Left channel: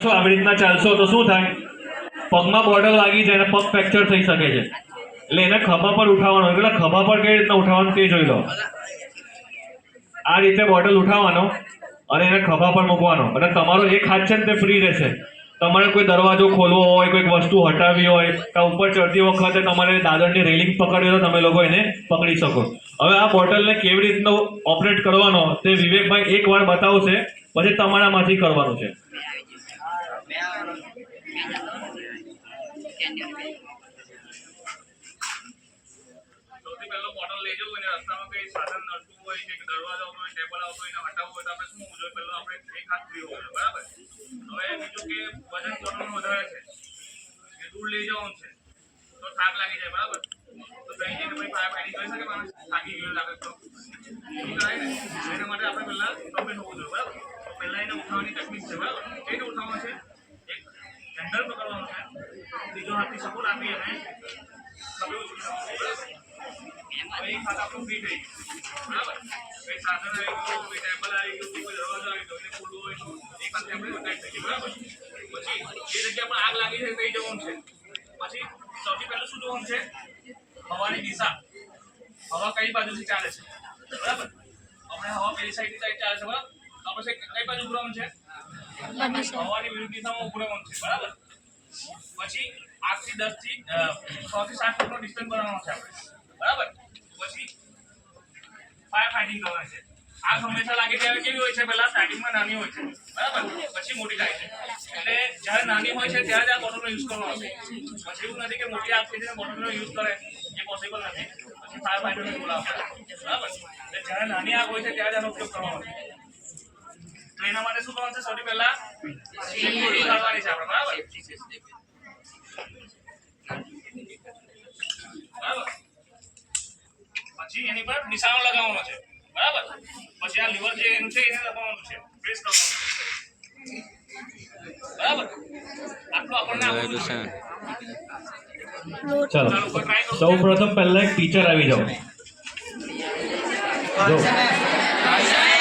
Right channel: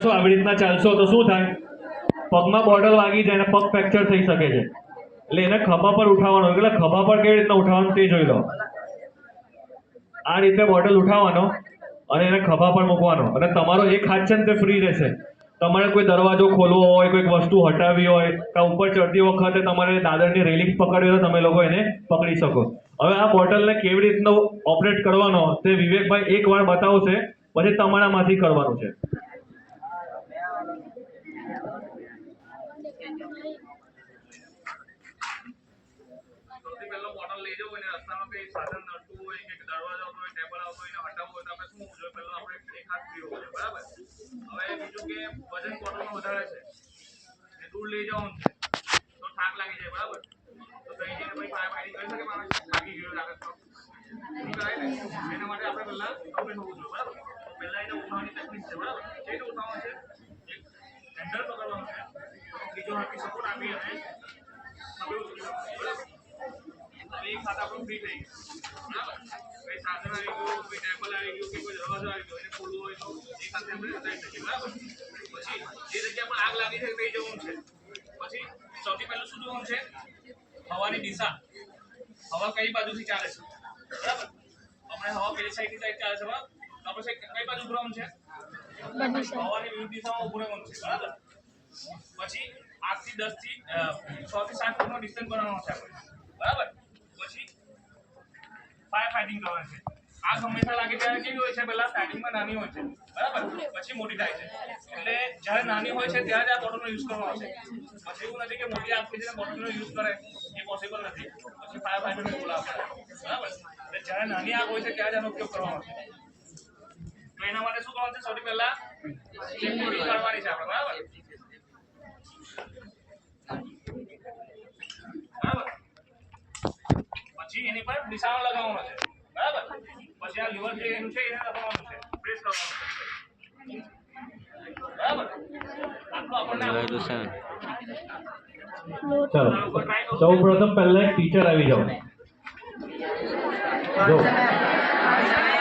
આવી રીતના ચાલશો તો શું થાય? પગમાં બોટલ વાગી જાય અને પગ ફ્રેક્ચર થઈ શકે છે. એટલે એને ખભા પર ઉઠાવવાનો. એટલે ખભા પર કઈ રીતના ઉઠાવવાનું તે જોઈ લો. આ રીતે બોટલ ઉઠાવવાનો અને એને ખભા પર મૂકવાનો અને તમારો એક હાથ છે ને તે ફ્રી રહેશે. તમારે કોઈ દરવાજો ખોલવો હોય, કોઈક વસ્તુ હટાવવી હોય, કે ઉપર ચડતી વખતે તમારે દાદરની રેલિંગ પકડવી હોય તો તમે લોકો એને પકડી શકો. હવે આ બોટલને કેવી રીતનો ઓપરેટ કરવાનો તે વિવેકભાઈ એકવાર બતાવશે, પછી તમારામાંથી કરવાનું છે. સૌથી પહેલો બોટલ લઈ જવું અને રસ્તામાં કઈ સાધન નડતું હોય કે દરવાજો આવતો હોય, ટેબલ આવતો હોય, હટાવવું હોય તો આપણે શું હોવું જોઈએ? પહેલો આપણે એક હાથ ફ્રી હોવો જોઈએ, બરાબર? હવે બીજું કે વજન બોટલનું વધારે છે એ દૂર લઈ જવાનું છે તો થાક લાગી જાય, બરાબર? તો કઈ જઈને પછી ફાયર ફાઈટિંગ કરી શકે માણસ? થાકી ગયો લાગે તો કરાય ને. એના માટે આપણે પહેલા કમ્પ્લીટ હોવું જોઈએ, બરાબર? તો પહેલા એને ઉઠાવવાની ટેકનિક છે, બરાબર? કઈ રીતે ઉઠાવવાનું છે? એક હેન્ડલ પકડવાનું છે, બીજો હાથથી સપોર્ટ આપી અને ખભે ઉચકી જવાનું, બરાબર? હવે એક હાથ આપણું ફ્રી થઈ ગયું, બરાબર? કઈ સાધન આવી ગયું, કોઈ ટેબલ આવી ગયું, કોઈ દરવાજો આવી ગયો, એને ખોલવું હોય તો એક હાથે આપણે ઉઠાવી શકીએ, બરાબર? પછી જે જગ્યા પર આગ લાગી છે કઈ જવાનું છે. પછી સૌથી પહેલું શું જોવાનું છે? હવાની દિશા. હવા કઈ બાજુથી ચાલે છે, બરાબર? આપણે હવા પેલી સાઈડથી સાઈડ ચાલે છે, બરાબર? તો આપણે કઈ બાજુ ઉભરવાનું છે? હવાની વિરુદ્ધ દિશામાં ઉભું રહેવાનું છે, બરાબર? પછી 8 થી 10 થી 6 થી 7 ફૂટનો ડિસ્ટન્સ બનાવવાનો છે આપણે, બરાબર? પછી ફાયર ફાઇટિંગ કરવાની છે. આગ હંમેશા લાગે ત્યારે કેવી હોય છે? પહેલા સ્ટાર્ટિંગમાં નાની હોય છે, બરાબર? પછી મોટી થાય છે. એટલે જ્યારે નાની હોય છે ત્યારે જ આ બોટલનો યુઝ કરવાનો છે. પછી એવું નથી કે મોટી આગ થઈ જાય બોટલનો યુઝ કરે, એ પોસિબલ નથી. પછી ફાયર ફાઇટરને બોલાવવા પડે, બરાબર? એટલે જ્યારે નાની આગ હોય છે ત્યારે જ આનો ઉપયોગ કરવાનો છે. તો એના માટે શું કરવાનું છે? સૌથી પહેલા સેફટી કરવાની છે આપણે, બરાબર? બરાબર? પછી એની પર નિશાનો લગાવવાનો છે, બરાબર? પછી આ લીવર જે એનું છે એને દબાવવાનું છે, પ્રેસ કરવાનું છે, બરાબર? આટલું આપણને ચાલો સૌ પ્રથમ પહેલા એક ટીચર આવી જાઓ. જો